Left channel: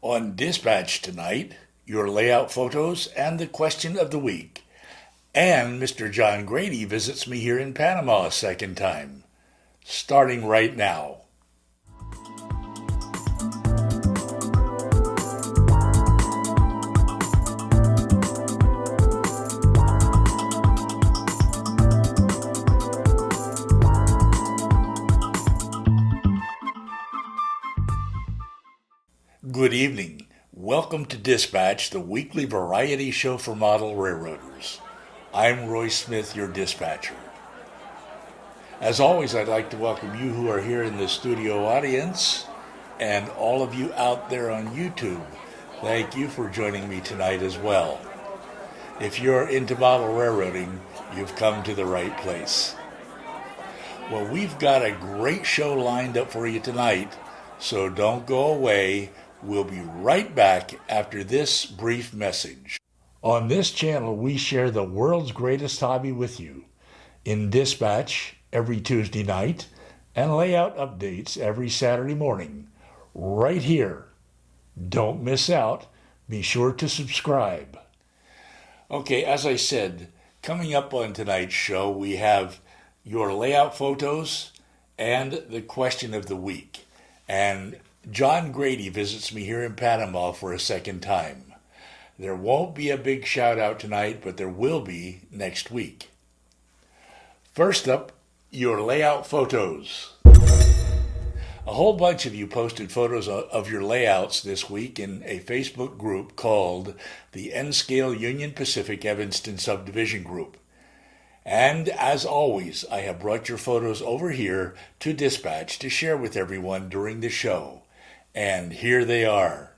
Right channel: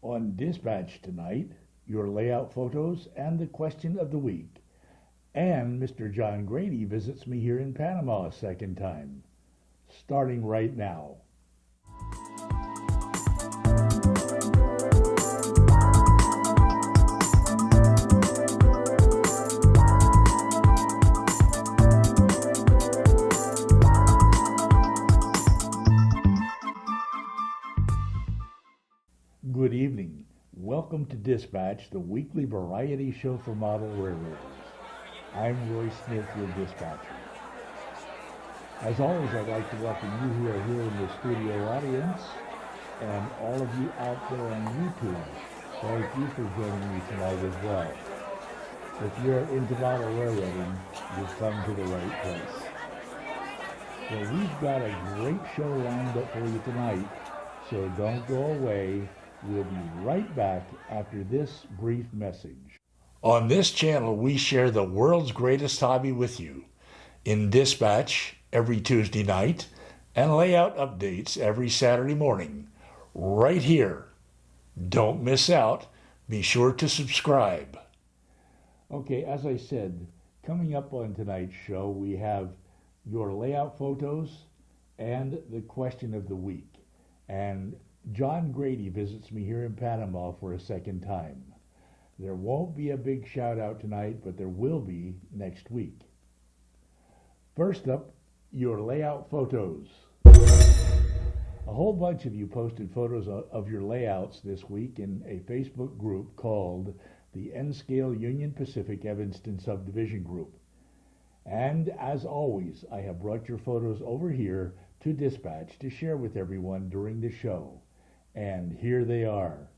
On Dispatch tonight, your layout photos and the question of the week. And Mr. John Grady visits me here in Panama a second time, starting right now. Good evening. Welcome to Dispatch, the weekly variety show for model railroaders. I'm Roy Smith, your dispatcher. As always, I'd like to welcome you who are here in the studio audience and all of you out there on YouTube. Thank you for joining me tonight as well. If you're into model railroading, you've come to the right place. Well, we've got a great show lined up for you tonight, so don't go away. We'll be right back after this brief message. On this channel, we share the world's greatest hobby with you in Dispatch every Tuesday night and layout updates every Saturday morning, right here. Don't miss out. Be sure to subscribe. Okay, as I said, coming up on tonight's show, we have your layout photos and the question of the week. And John Grady visits me here in Panama for a second time. There won't be a big shout out tonight, but there will be next week. First up, your layout photos. A whole bunch of you posted photos of your layouts this week in a Facebook group called the N-Scale Union Pacific Evanston Subdivision Group. And as always, I have brought your photos over here to Dispatch to share with everyone during the show. And here they are.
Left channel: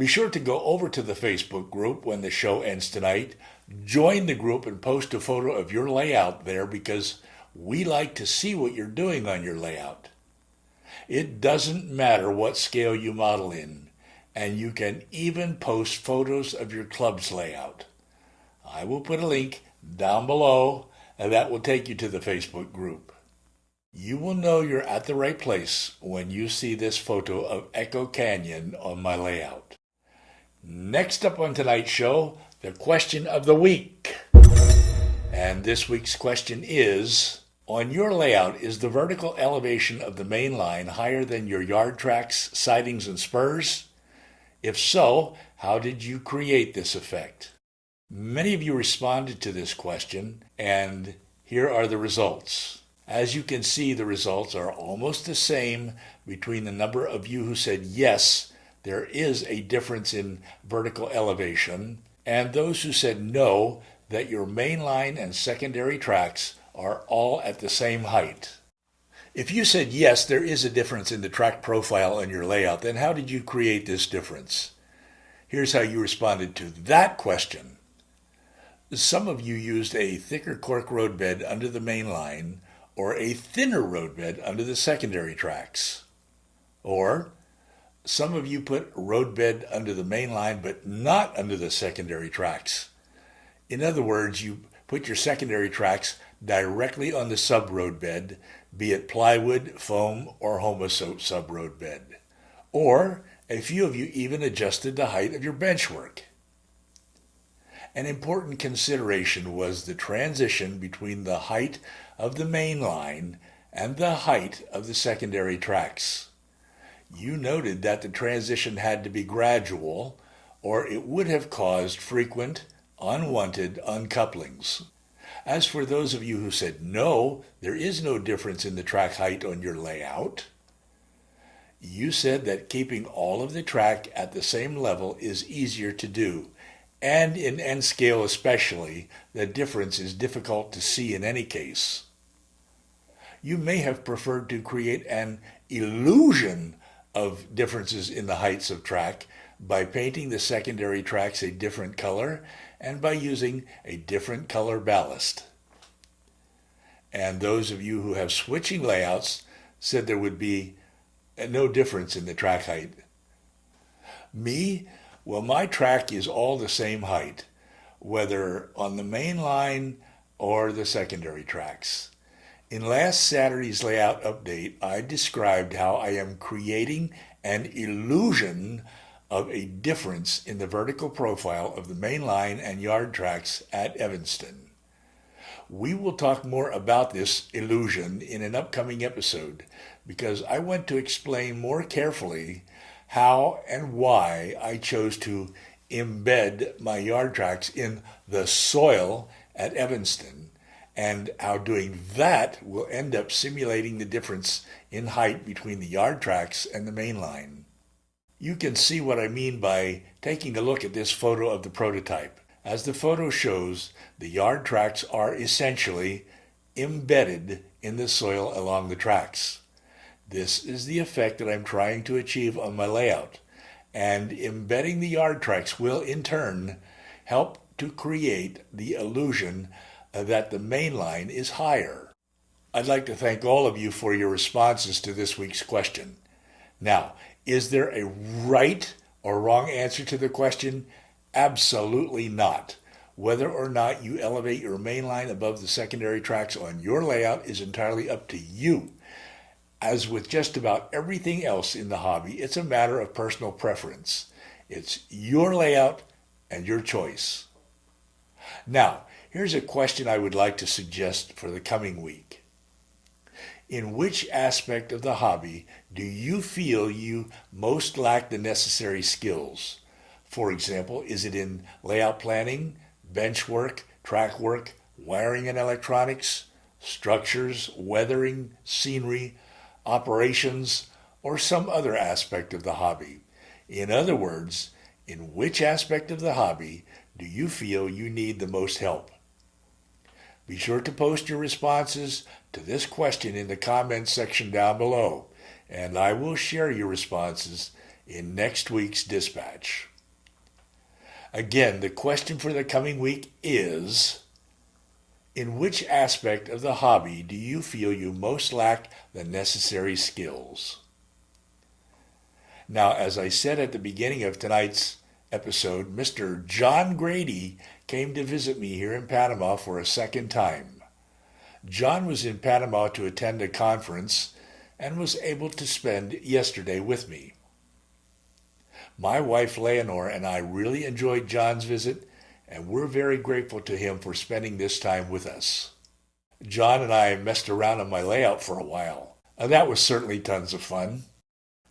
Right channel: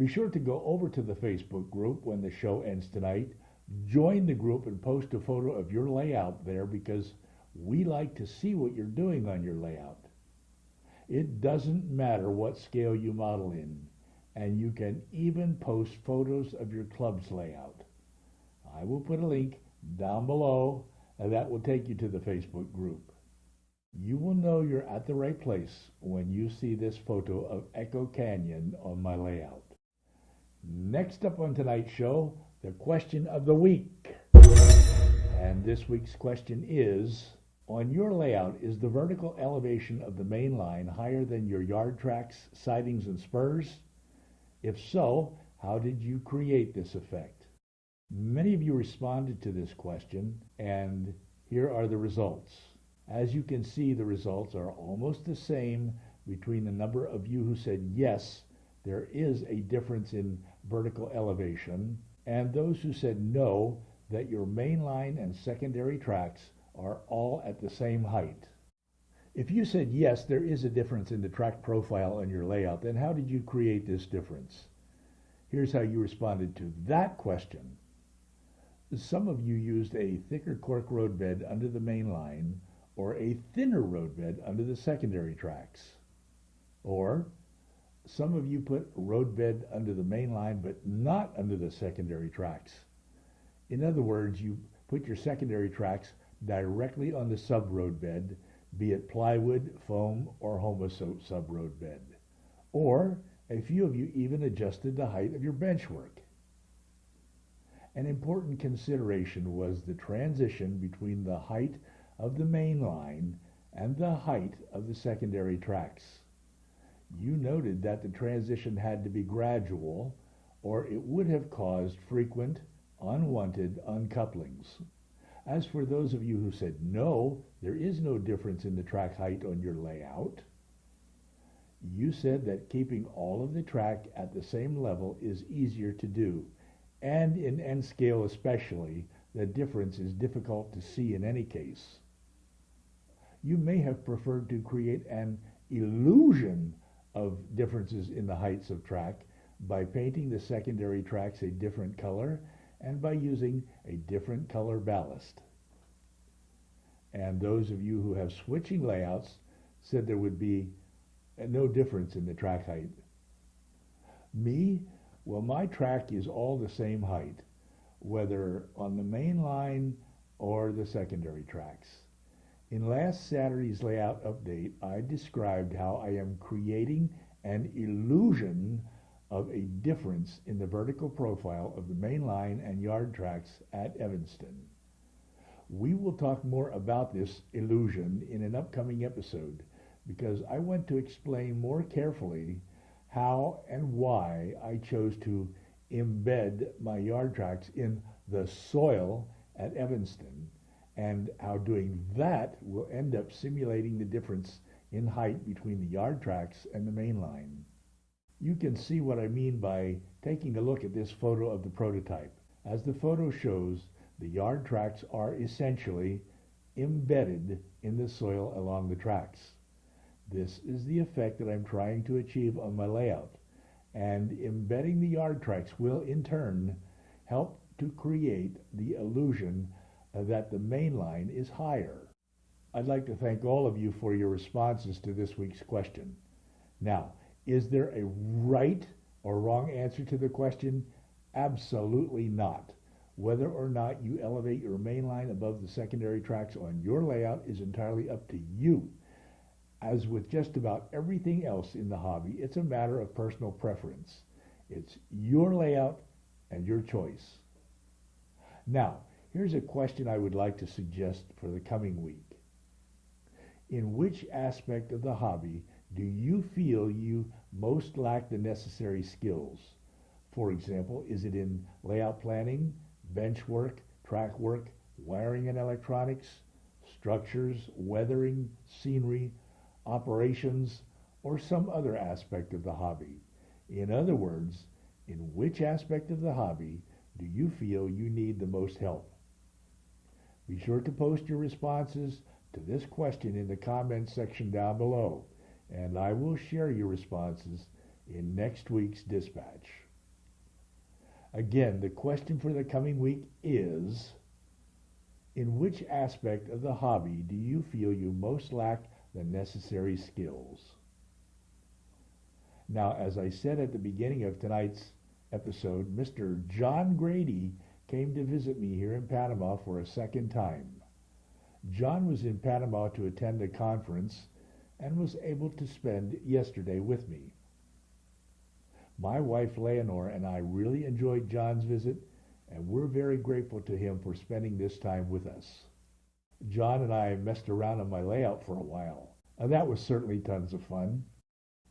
Be sure to go over to the Facebook group when the show ends tonight. Join the group and post a photo of your layout there because we like to see what you're doing on your layout. It doesn't matter what scale you model in, and you can even post photos of your club's layout. I will put a link down below, and that will take you to the Facebook group. You will know you're at the right place when you see this photo of Echo Canyon on my layout. Next up on tonight's show, the question of the week. And this week's question is, on your layout, is the vertical elevation of the main line higher than your yard tracks, sidings, and spurs? If so, how did you create this effect? Many of you responded to this question, and here are the results. As you can see, the results are almost the same between the number of you who said yes, there is a difference in vertical elevation, and those who said no, that your main line and secondary tracks are all at the same height. If you said yes, there is a difference in the track profile on your layout, then how did you create this difference? Here's how you responded to that question. Some of you used a thicker cork roadbed under the main line or a thinner roadbed under the secondary tracks. Or some of you put roadbed under the main line but not under the secondary tracks. In other words, you put your secondary tracks directly on the sub-roadbed, be it plywood, foam, or homosote sub-roadbed. Or a few of you even adjusted the height of your benchwork. An important consideration was the transition between the height of the main line and the height of the secondary tracks. You noted that the transition had to be gradual, or it would have caused frequent, unwanted uncouplings. As for those of you who said no, there is no difference in the track height on your layout, you said that keeping all of the track at the same level is easier to do, and in N scale especially, the difference is difficult to see in any case. You may have preferred to create an illusion of differences in the heights of track by painting the secondary tracks a different color and by using a different color ballast. And those of you who have switching layouts said there would be no difference in the track height. Me, well, my track is all the same height, whether on the main line or the secondary tracks. In last Saturday's layout update, I described how I am creating an illusion of a difference in the vertical profile of the main line and yard tracks at Evanston. We will talk more about this illusion in an upcoming episode because I want to explain more carefully how and why I chose to embed my yard tracks in the soil at Evanston, and how doing that will end up simulating the difference in height between the yard tracks and the main line. You can see what I mean by taking a look at this photo of the prototype. As the photo shows, the yard tracks are essentially embedded in the soil along the tracks. This is the effect that I'm trying to achieve on my layout, and embedding the yard tracks will in turn help to create the illusion that the main line is higher. I'd like to thank all of you for your responses to this week's question. Now, is there a right or wrong answer to the question? Absolutely not. Whether or not you elevate your main line above the secondary tracks on your layout is entirely up to you. As with just about everything else in the hobby, it's a matter of personal preference. It's your layout and your choice. Now, here's a question I would like to suggest for the coming week. In which aspect of the hobby do you feel you most lack the necessary skills? For example, is it in layout planning, bench work, track work, wiring and electronics, structures, weathering, scenery, operations, or some other aspect of the hobby? In other words, in which aspect of the hobby do you feel you need the most help? Be sure to post your responses to this question in the comments section down below, and I will share your responses in next week's dispatch. Again, the question for the coming week is, in which aspect of the hobby do you feel you most lack the necessary skills? Now, as I said at the beginning of tonight's episode, Mr. John Grady came to visit me here in Panama for a second time. John was in Panama to attend a conference and was able to spend yesterday with me. My wife Leonore and I really enjoyed John's visit, and we're very grateful to him for spending this time with us. John and I messed around on my layout for a while, and that was certainly tons of fun.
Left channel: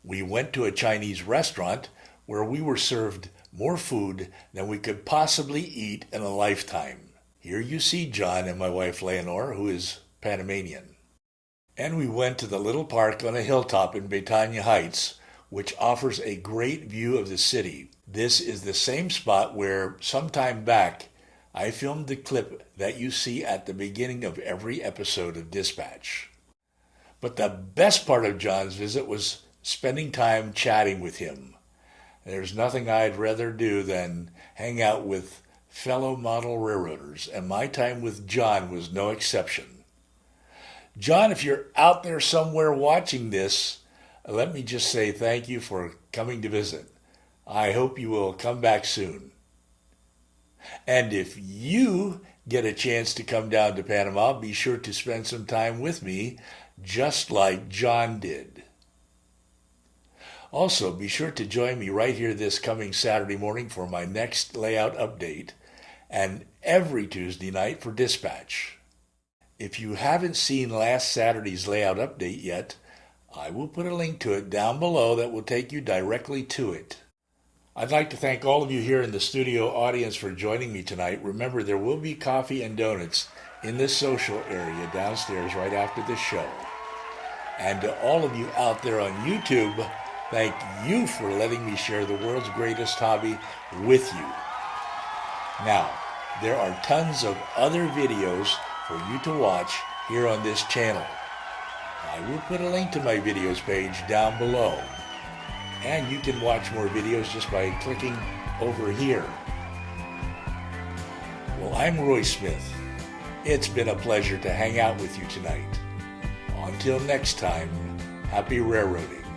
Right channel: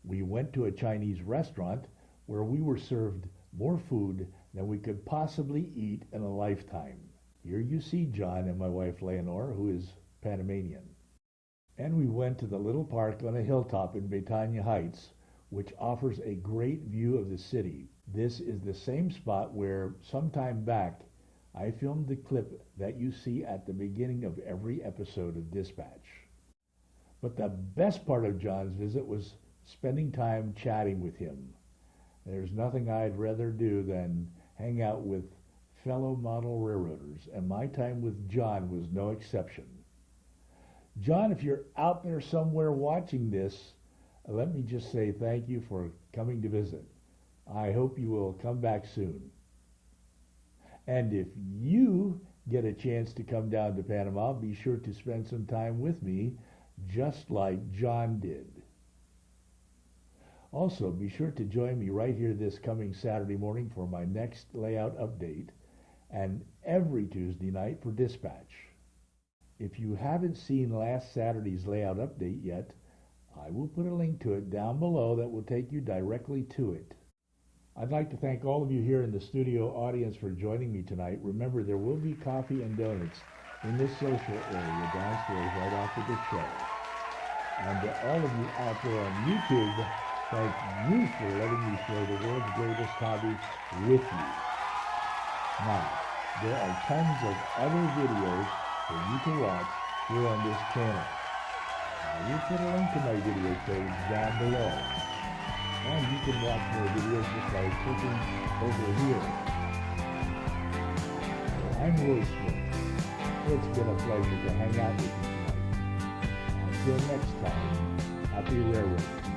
We went to a Chinese restaurant where we were served more food than we could possibly eat in a lifetime. Here you see John and my wife Leonore, who is Panamanian. And we went to the little park on a hilltop in Betania Heights, which offers a great view of the city. This is the same spot where, sometime back, I filmed the clip that you see at the beginning of every episode of Dispatch. But the best part of John's visit was spending time chatting with him. There's nothing I'd rather do than hang out with fellow model railroaders, and my time with John was no exception. John, if you're out there somewhere watching this, let me just say thank you for coming to visit. I hope you will come back soon. And if you get a chance to come down to Panama, be sure to spend some time with me, just like John did. Also, be sure to join me right here this coming Saturday morning for my next layout update, and every Tuesday night for Dispatch. If you haven't seen last Saturday's layout update yet, I will put a link to it down below that will take you directly to it. I'd like to thank all of you here in the studio audience for joining me tonight. Remember, there will be coffee and donuts in the social area downstairs right after the show. And to all of you out there on YouTube, thank you for letting me share the world's greatest hobby with you. Now, there are tons of other videos for you to watch here on this channel. I will put a link to my videos page down below. And you can watch more videos just by clicking over here. Well, I'm Roy Smith. It's been a pleasure to hang out with you tonight. Until next time, happy railroading.